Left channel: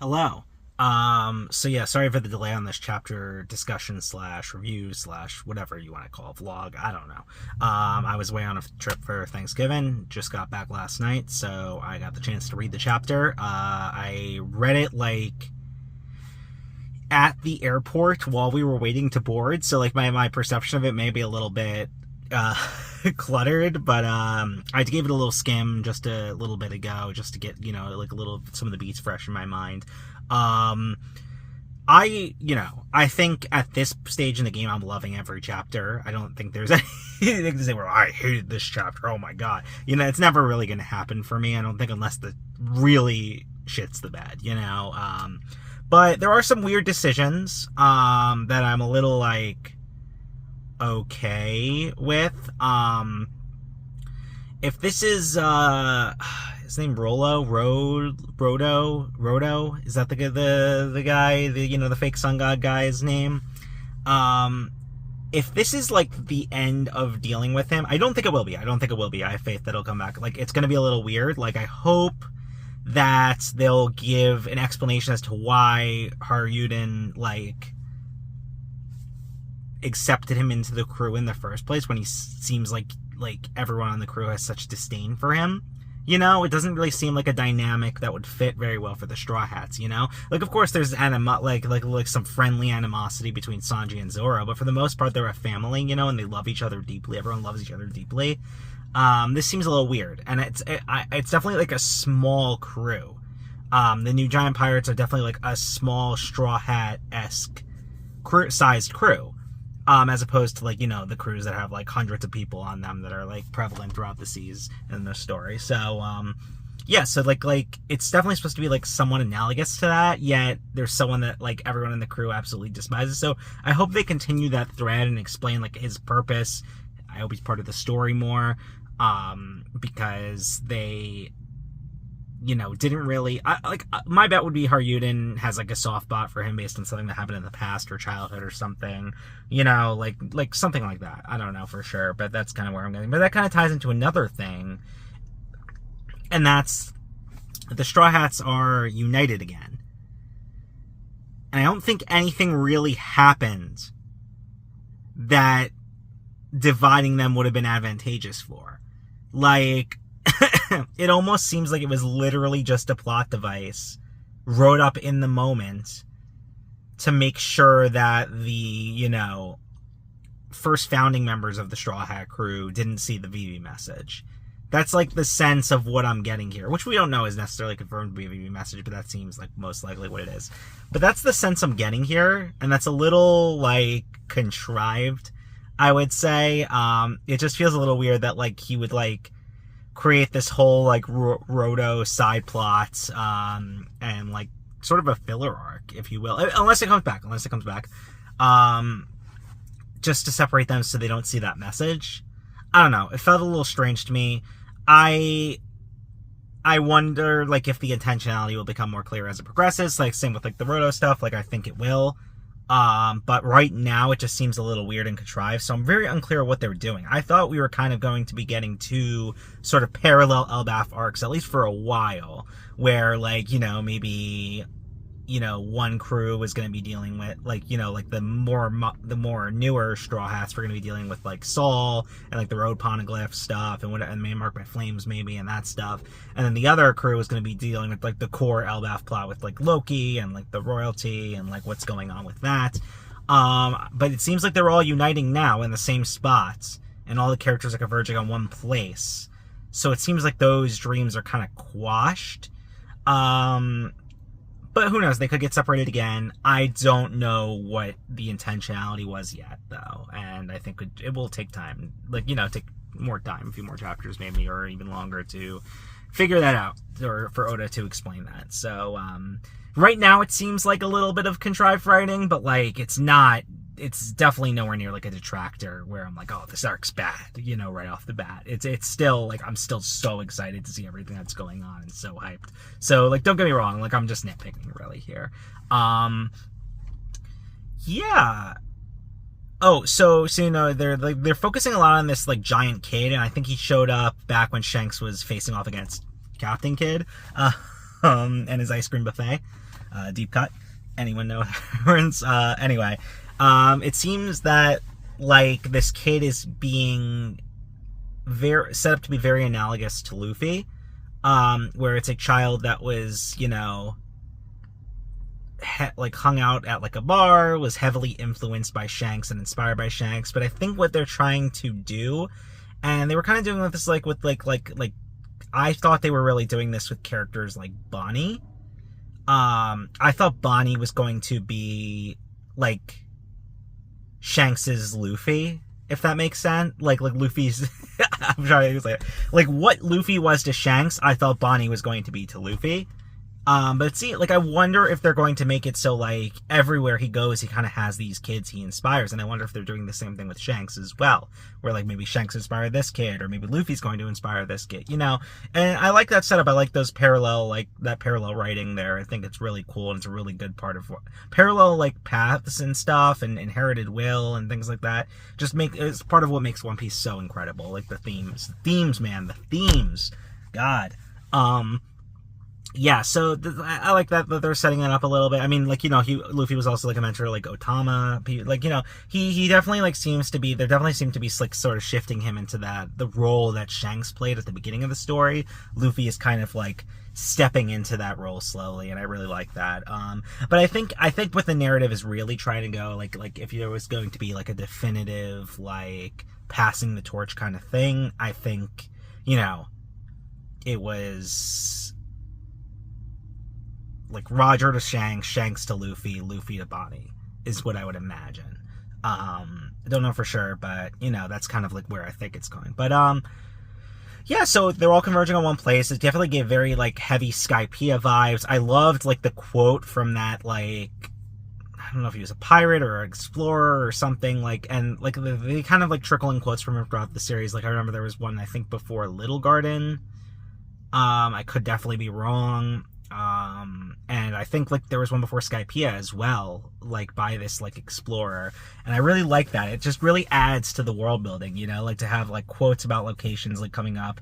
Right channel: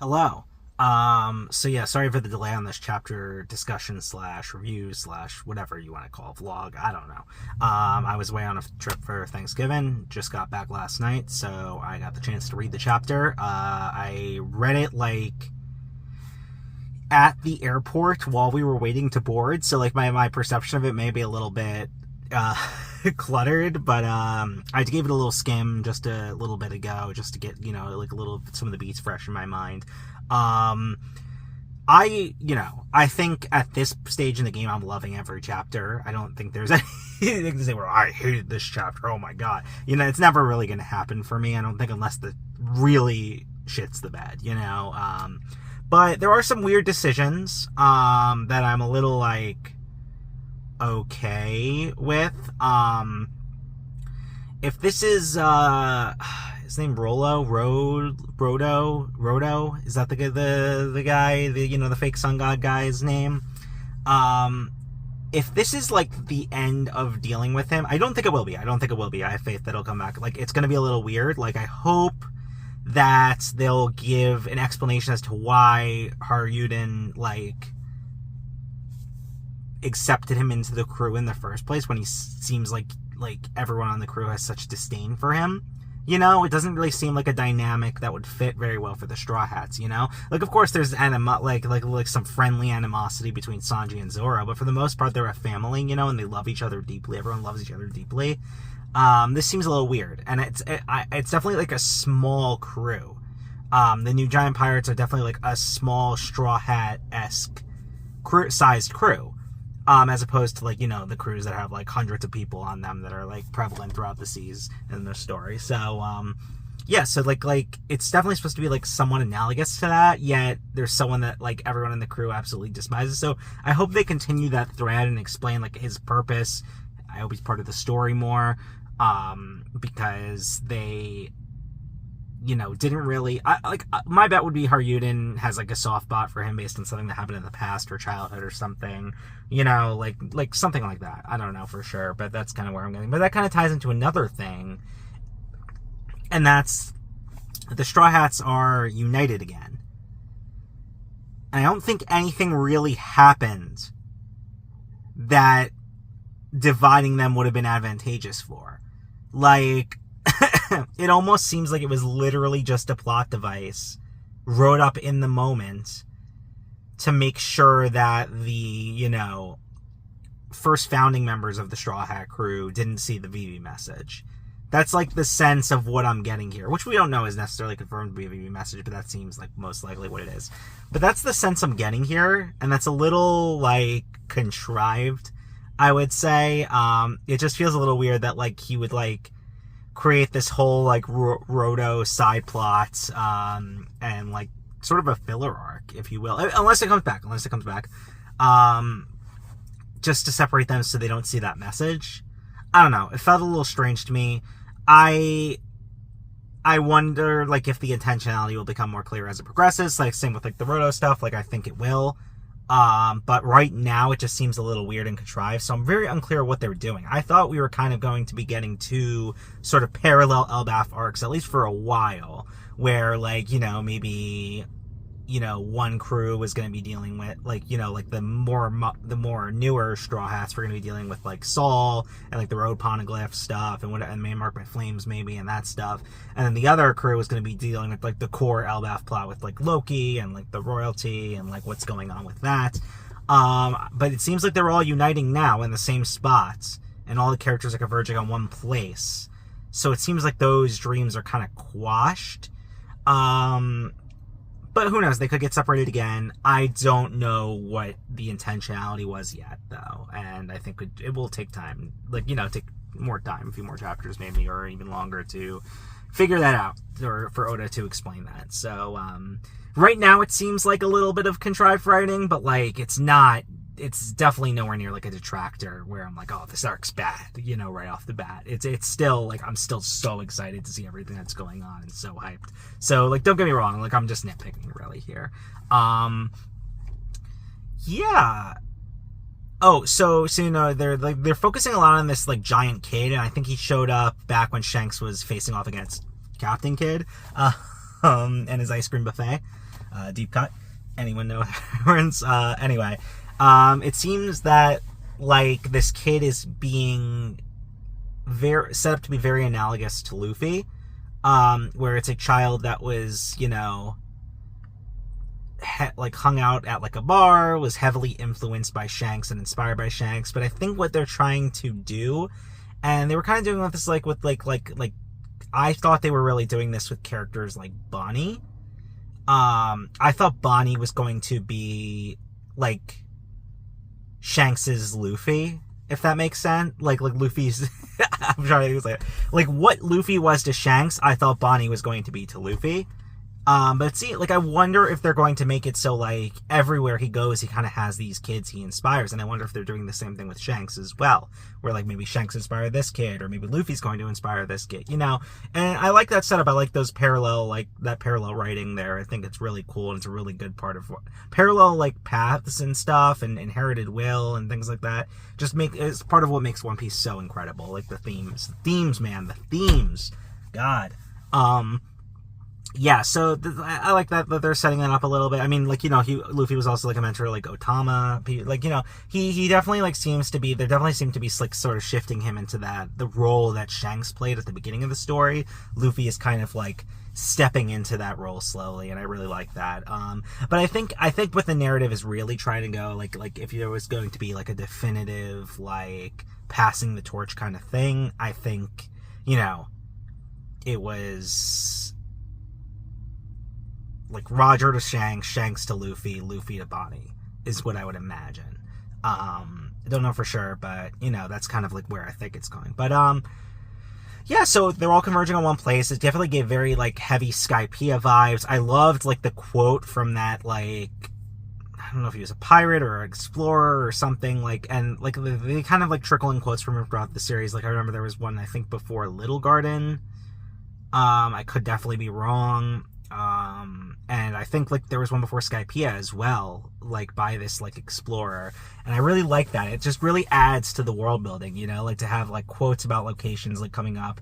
Hello. So yeah, sorry for the delay on this chapter discussion slash review slash whatever you want to call it, vlog. I don't know. I was away on a trip for Thanksgiving. Just got back last night, so I got the chance to read the chapter. I read it like at the airport while we were waiting to board, so like my perception of it may be a little bit uh cluttered, but I gave it a little skim just a little bit ago, just to get, like a little some of the beats fresh in my mind. um I think at this stage in the game I'm loving every chapter. I don't think there's anything to say where I hated this chapter, oh my god. It's never really gonna happen for me, I don't think, unless the really shits the bed, but there are some weird decisions that I'm a little like okay with. If this is his name Rodo, is that the guy, the fake sun god guy's name? If this is like the end of dealing with him, I don't think it will be. I have faith that he'll come back. Like, it's gonna be a little weird. Like, I hope that they'll give an explanation as to why Haryuden like accepted him into the crew in the first place, when he seems like everyone on the crew has such disdain for him. It doesn't really seem like a dynamic that would fit very well for the Straw Hats. Like, of course there's like some friendly animosity between Sanji and Zoro, but for the most part they're a family, and they love each other deeply. Everyone loves each other deeply. This seems a little weird, and it's definitely like a small crew. The new giant pirates are definitely like a small Straw Hat-esque sized crew. As opposed to, like, the crews that have like hundreds of people on them that are like prevalent throughout the seas in the story. So yeah, so like it's definitely supposed to be like somewhat analogous to that, yet there's someone that like everyone in the crew absolutely despises. So I hope they continue that thread and explain like his purpose. I hope he's part of the story more, because they didn't really, my bet would be Haryuden has like a soft spot for him based on something that happened in the past or childhood or something, like something like that. I don't know for sure, but that's kind of where I'm going. But that kind of ties into another thing, and that's the Straw Hats are united again. And I don't think anything really happened that dividing them would have been advantageous for. Like, it almost seems like it was literally just a plot device wrote up in the moment to make sure that the, first founding members of the Straw Hat crew didn't see the VV message. That's like the sense of what I'm getting here, which we don't know is necessarily confirmed to be a VV message, but that seems like most likely what it is. But that's the sense I'm getting here, and that's a little like contrived, I would say. It just feels a little weird that like he would like create this whole like Roto side plot, and like sort of a filler arc, if you will, unless it comes back, just to separate them so they don't see that message. I don't know, it felt a little strange to me. I wonder like if the intentionality will become more clear as it progresses, like same with like the Roto stuff. Like, I think it will. But right now it just seems a little weird and contrived, so I'm very unclear what they're doing. I thought we were kind of going to be getting two sort of parallel Elbaf arcs, at least for a while, where like, maybe, one crew was going to be dealing with like, like the more newer Straw Hats were going to be dealing with like Saul and like the road poneglyph stuff and Man Marked by Flames maybe, and that stuff. And then the other crew was going to be dealing with like the core Elbaf plot with like Loki and like the royalty and like what's going on with that. But it seems like they're all uniting now in the same spots, and all the characters are converging on one place. So it seems like those dreams are kind of quashed. But who knows? They could get separated again. I don't know what the intentionality was yet, though. And I think it will take time. Like, take more time, a few more chapters maybe, or even longer to figure that out, or for Oda to explain that. So, right now it seems like a little bit of contrived writing, but, like, it's definitely nowhere near, like, a detractor where I'm like, oh, this arc's bad, right off the bat. It's still, like, I'm still so excited to see everything that's going on and so hyped. So, like, don't get me wrong, like, I'm just nitpicking really here. Yeah. Oh, so they're focusing a lot on this, like, giant kid, and I think he showed up back when Shanks was facing off against Captain Kidd. and his ice cream buffet, deep cut. Anyone know reference? Anyway, it seems that like this kid is being set up to be very analogous to Luffy, where it's a child that was, you know, like hung out at like a bar, was heavily influenced by Shanks and inspired by Shanks. But I think what they're trying to do, and they were kind of doing this like with like I thought they were really doing this with characters like Bonnie. I thought Bonnie was going to be like Shanks's Luffy, if that makes sense. Like Luffy's I'm trying to like what Luffy was to Shanks, I thought Bonnie was going to be to Luffy. But see, like, I wonder if they're going to make it so, like, everywhere he goes, he kind of has these kids he inspires, and I wonder if they're doing the same thing with Shanks as well, where, like, maybe Shanks inspired this kid, or maybe Luffy's going to inspire this kid, you know? And I like that setup. I like those that parallel writing there. I think it's really cool, and it's a really good part of parallel, like, paths and stuff, and inherited will, and things like that. It's part of what makes One Piece so incredible, like, the themes, man, the themes. God. Yeah, so I like that they're setting that up a little bit. I mean, like, you know, Luffy was also like a mentor, like Otama. Like, you know, he definitely like there definitely seem to be like sort of shifting him into the role that Shanks played at the beginning of the story. Luffy is kind of like stepping into that role slowly, and I really like that. But I think what the narrative is really trying to go, like if there was going to be like a definitive like passing the torch kind of thing, I think, you know, it was like Roger to Shanks, Shanks to Luffy, Luffy to Bonnie is what I would imagine. I don't know for sure, but you know, that's kind of like where I think it's going. But yeah, so they're all converging on one place. It definitely gave very like heavy Skypiea vibes. I loved like the quote from that, like, I don't know if he was a pirate or an explorer or something, like, and like they kind of like trickle in quotes from him throughout the series. Like I remember there was one, I think, before Little Garden. I could definitely be wrong. And I think like there was one before Skypiea as well, like by this like explorer, and I really like that. It just really adds to the world building, you know, like to have like quotes about locations like coming up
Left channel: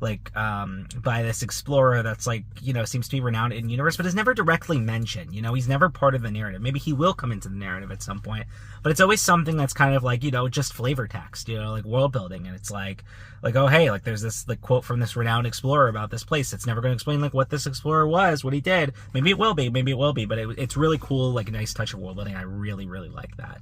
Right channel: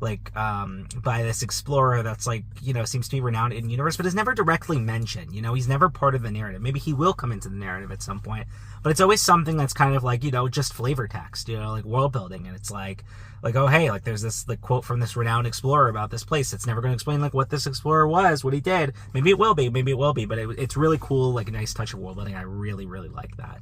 like by this explorer that's like, you know, seems to be renowned in the universe but is never directly mentioned. You know, he's never part of the narrative. Maybe he will come into the narrative at some point, but it's always something that's kind of like, you know, just flavor text, you know, like world building. And it's like, oh hey, like there's this like quote from this renowned explorer about this place. It's never going to explain like what this explorer was, what he did. Maybe it will be, but it's really cool, like a nice touch of world building. I really like that.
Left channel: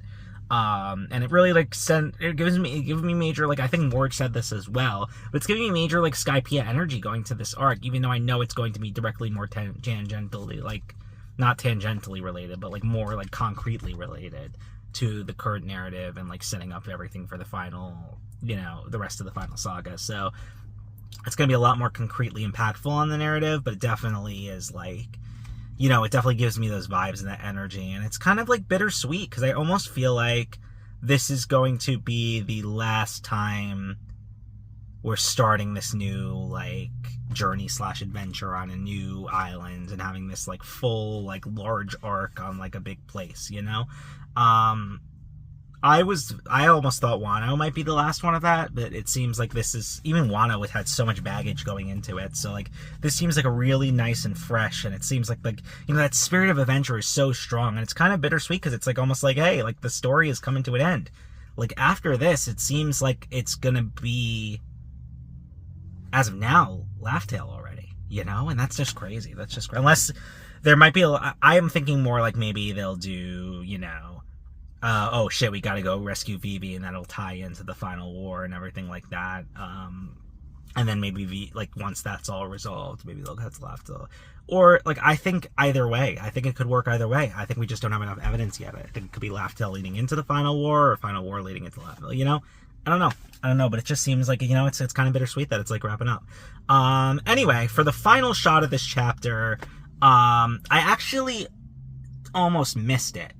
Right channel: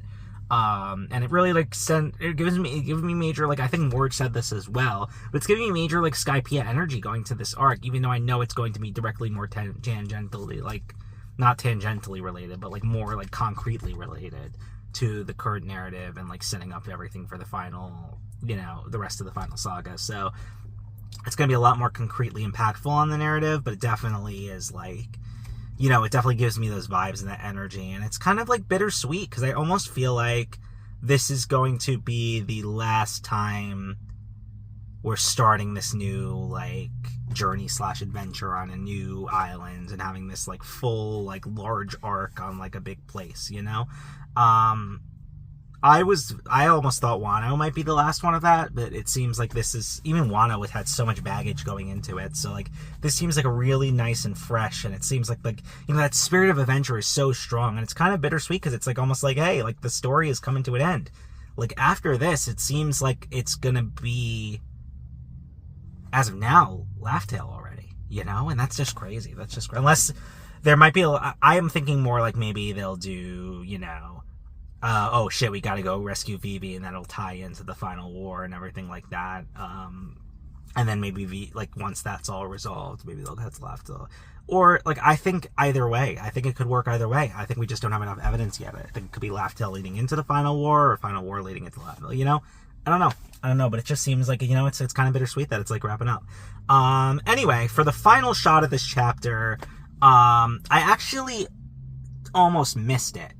And it really like it gives me major, like, I think Morg said this as well, but it's giving me major like Skypiea energy going to this arc, even though I know it's going to be directly more tangentially, like not tangentially related, but like more like concretely related to the current narrative and like setting up everything for the final, you know, the rest of the final saga. So it's going to be a lot more concretely impactful on the narrative, but it definitely is like, you know, it definitely gives me those vibes and that energy, and it's kind of like bittersweet because I almost feel like this is going to be the last time we're starting this new like journey / adventure on a new island and having this like full like large arc on like a big place, you know. I almost thought Wano might be the last one of that, but it seems like this is, even Wano had so much baggage going into it, so like this seems like a really nice and fresh, and it seems like you know, that spirit of adventure is so strong, and it's kind of bittersweet because it's like almost like, hey, like the story is coming to an end. Like after this, it seems like it's gonna be, as of now, Laugh Tale already, you know, and that's just crazy. That's just, unless there might be I am thinking more like maybe they'll do, you know, oh shit, we gotta go rescue Vivi, and that'll tie into the final war and everything like that. And then maybe like once that's all resolved, maybe they'll get left. Or like, I think either way. I think it could work either way. I think we just don't have enough evidence yet. I think it could be Laugh Tale leading into the final war, or final war leading into Laugh Tale. You know, I don't know, but it just seems like, you know, it's kind of bittersweet that it's like wrapping up. Anyway, for the final shot of this chapter, I actually almost missed it.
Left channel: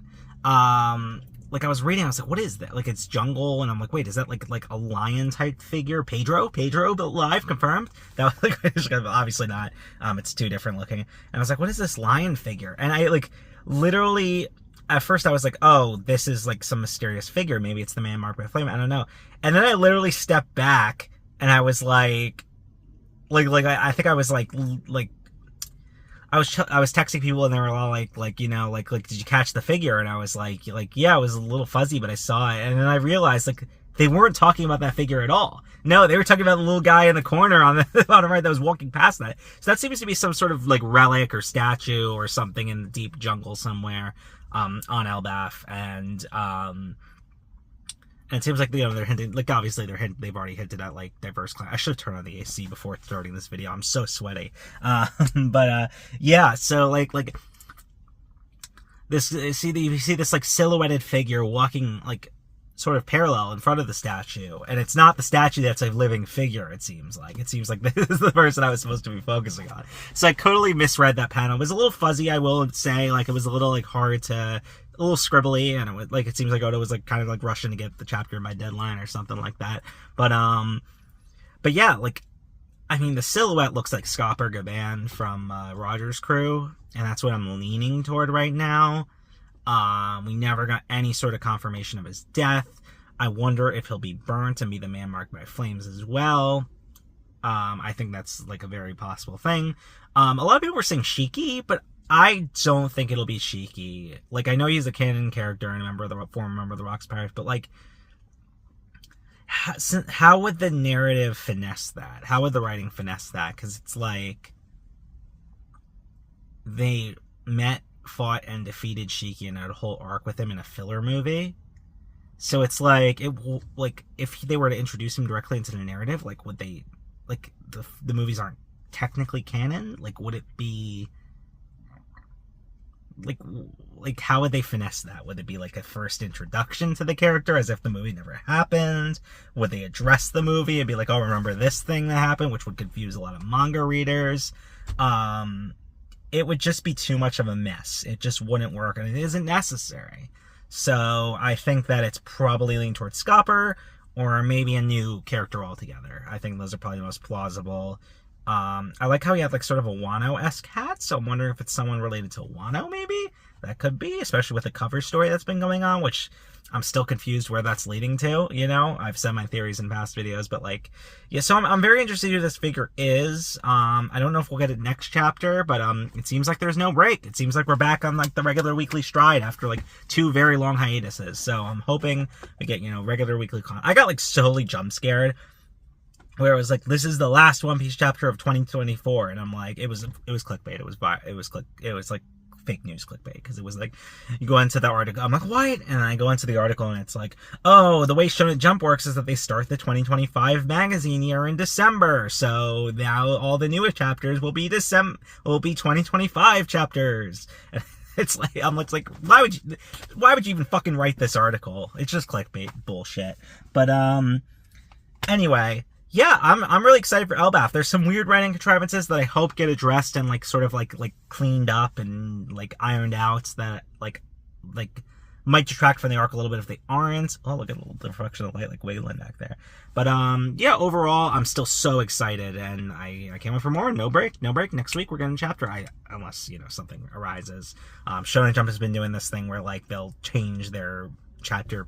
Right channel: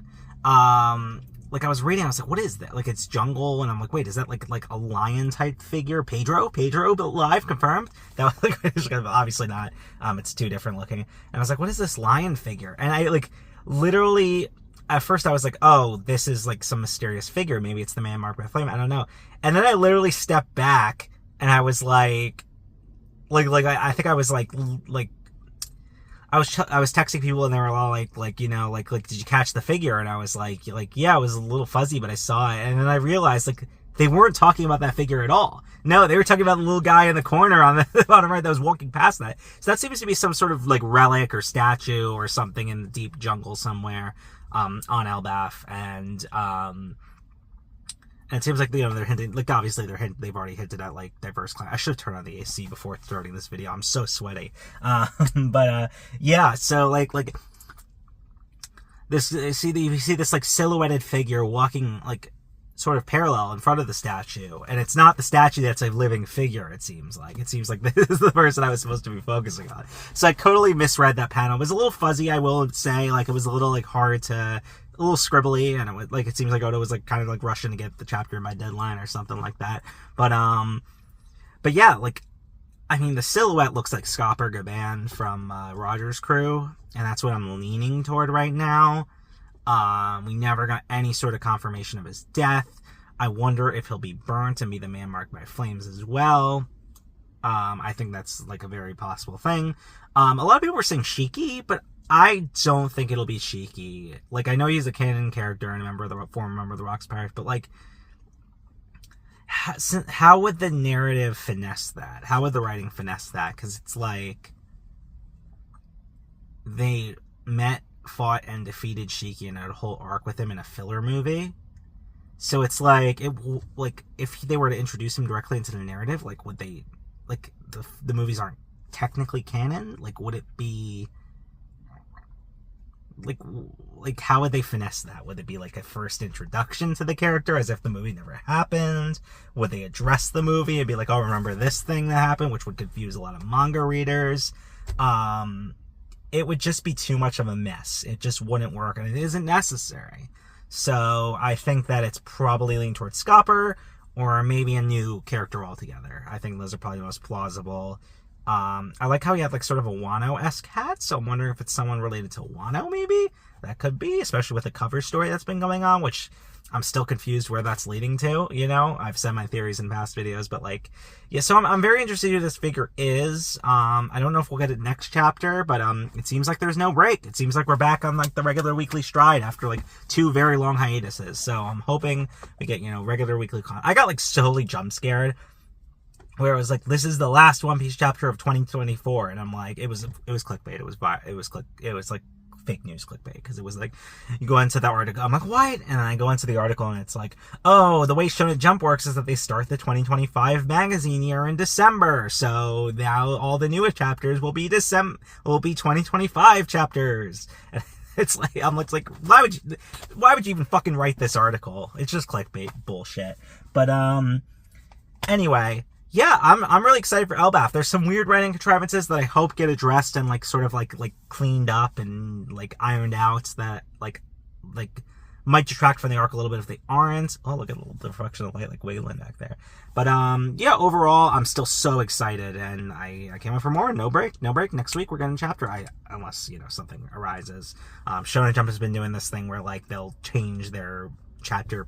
Like I was reading, I was like, what is that? Like, it's jungle, and I'm like, wait, is that like a lion type figure? Pedro, but live, confirmed? That was like, obviously not. It's too different looking. And I was like, what is this lion figure? And I like literally, at first I was like, oh, this is like some mysterious figure. Maybe it's the man marked by flame. I don't know. And then I literally stepped back, and I was like I think I was like I was texting people and they were all like you know like did you catch the figure? And I was like yeah, it was a little fuzzy, but I saw it. And then I realized like they weren't talking about that figure at all. No, they were talking about the little guy in the corner on the bottom right that was walking past that. So that seems to be some sort of like relic or statue or something in the deep jungle somewhere on Elbaf. And it seems like, you know, they're hinting, like, obviously they've already hinted at, like, diverse class. I should have turned on the AC before starting this video. I'm so sweaty. Yeah, so, like, this, you see this, like, silhouetted figure walking, like, sort of parallel in front of the statue. And it's not the statue that's a living figure, it seems like. It seems like this is the person I was supposed to be focusing on. So I totally misread that panel. It was a little fuzzy, I will say. Like, it was a little, like, hard to... a little scribbly, and it seems like Oda was like kind of like rushing to get the chapter by deadline or something like that. But yeah, like, I mean, the silhouette looks like Scopper Gaban from Roger's crew, and that's what I'm leaning toward right now. We never got any sort of confirmation of his death. I wonder if he'll be burnt and be the man marked by flames as well. I think that's like a very possible thing. A lot of people were saying Shiki, but I don't think it'll be Shiki. Like, I know he's a canon character and former member of the Rocks Pirates, but, like, how would the narrative finesse that? How would the writing finesse that? Because it's like, they met, fought, and defeated Shiki and had a whole arc with him in a filler movie. So it's like, if they were to introduce him directly into the narrative, like, would they, like, the movies aren't technically canon? Like, would it be... Like how would they finesse that? Would it be like a first introduction to the character as if the movie never happened? Would they address the movie and be like, oh, remember this thing that happened, which would confuse a lot of manga readers? It would just be too much of a mess. It just wouldn't work, and it isn't necessary. So I think that it's probably leaning towards Scopper or maybe a new character altogether. I think those are probably the most plausible. I like how he had like sort of a Wano-esque hat, so I'm wondering if it's someone related to Wano, maybe? That could be, especially with the cover story that's been going on, which I'm still confused where that's leading to, you know? I've said my theories in past videos, but like, yeah, so I'm very interested in who this figure is. I don't know if we'll get it next chapter, but it seems like there's no break. It seems like we're back on like the regular weekly stride after like 2 very long hiatuses, so I'm hoping we get, you know, regular weekly content. I got like totally jump scared where it was like, this is the last One Piece chapter of 2024, and I'm like, it was clickbait. It was like fake news clickbait, because it was like, you go into the article, I'm like, what? And I go into the article and it's like, oh, the way Shonen Jump works is that they start the 2025 magazine year in December, so now all the newest chapters will be 2025 chapters. It's like, I'm like, why would you even fucking write this article? It's just clickbait bullshit. But anyway, yeah, I'm really excited for Elbaf. There's some weird writing contrivances that I hope get addressed and like sort of like cleaned up and like ironed out that like might detract from the arc a little bit if they aren't. Oh, look at a little reflection of light like Wayland back there. But yeah, overall I'm still so excited, and I can't wait for more. No break. Next week we're getting a chapter. Unless, you know, something arises. Shonen Jump has been doing this thing where like they'll change their next chapter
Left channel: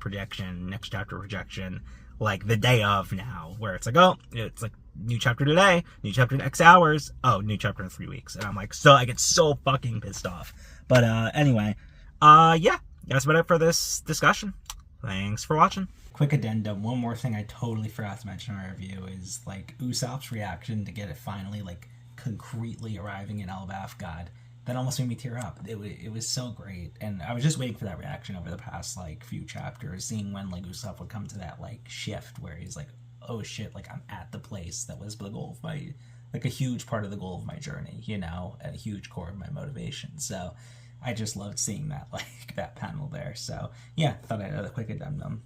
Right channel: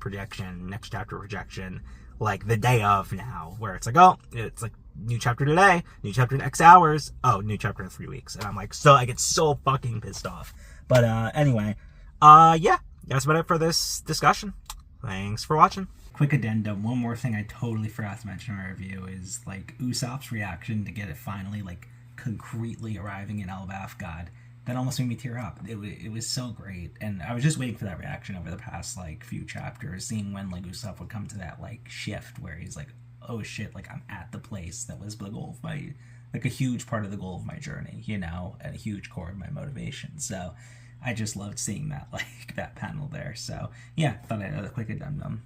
projection like the day of now, where it's like, oh, it's like new chapter today, new chapter in X hours, oh, new chapter in 3 weeks, and I'm like, so I get so fucking pissed off. But anyway, yeah, that's about it for this discussion. Thanks for watching. Quick addendum, one more thing I totally forgot to mention in my review is like Usopp's reaction to get it finally like concretely arriving in Elbaf. God, that almost made me tear up. It was so great, and I was just waiting for that reaction over the past like few chapters, seeing when like Usopp would come to that like shift where he's like, oh shit, like I'm at the place that was the goal of my, like a huge part of the goal of my journey, you know, and a huge core of my motivation. So I just loved seeing that, like that panel there. So yeah, thought I'd add a quick addendum.